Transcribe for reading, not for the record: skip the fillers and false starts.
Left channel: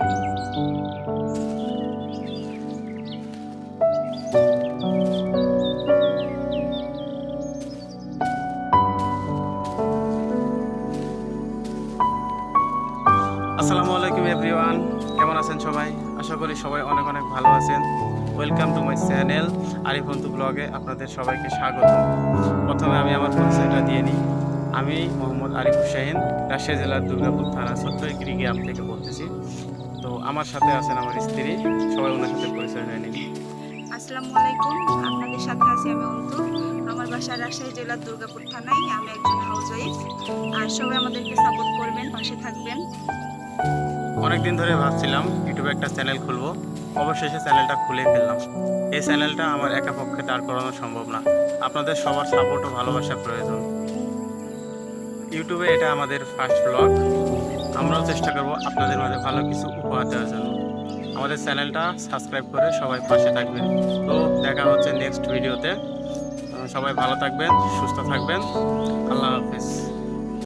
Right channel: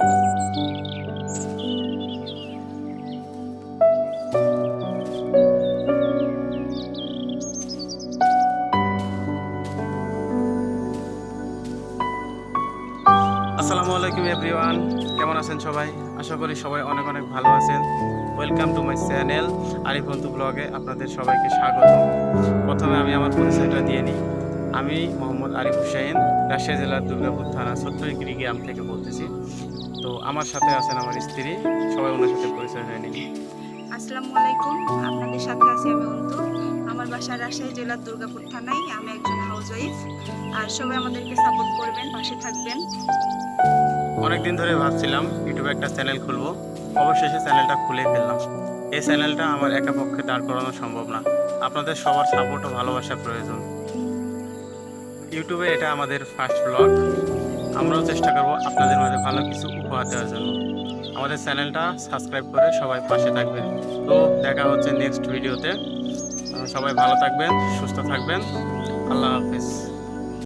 আসসালামু আলাইকুম এভরিওয়ান, কেমন আছেন সবাই? আশা করি সবাই অনেক অনেক ভালো আছেন। Welcome to my channel Arif Antu ব্লগে আপনাদের সবাইকে স্বাগত। প্রথমে আমি আমার পরিচয়টা দিয়ে নিই। আমি মোহাম্মদ আরিফ হুসাইন, রাজশাহী জেলার দুর্গাপুর থানা ছোট্টইকড়ি গ্রাম থেকে বলতেছি। তো আমার সাথে আছেন আমার স্ত্রী, সবাই ওনার সাথে পরিচয় হয়ে নিন। আসসালামু আলাইকুম, আপনাদের সাথে আছি আমি অন্তু। আমার বাসা রাজশাহী জেলার দুর্গাপুর থানায়। আমি একজন হাউসওয়াইফ। আর সবাই আমাদেরকে সাপোর্ট করবেন, পাশে থাকবেন। অনেকদিন ধরে ভাবছিলাম ইউটিউবে একটা চ্যানেল খুলবো, অবশেষে চ্যানেলটা খুলে ফেললাম। এই চ্যানেলটা আমার একা পক্ষে দাঁড় করানো সম্ভব না, আপনাদের সবার সাপোর্ট ও ভালোবাসা প্রয়োজন। ইউটিউবে এটা আমাদের ফার্স্ট ব্লগ। আমরাও চেষ্টা করব আপনাদের মাঝে ভালো কিছু উপহার দেওয়ার জন্য। আমাদের চ্যানেলটা সাবস্ক্রাইব করে সবাই পাশে থাকবেন। তো দেখা হচ্ছে নেক্সট ভিডিওতে। সবাই ভালো থাকবেন, সুস্থ থাকবেন। আল্লাহ হাফেজ।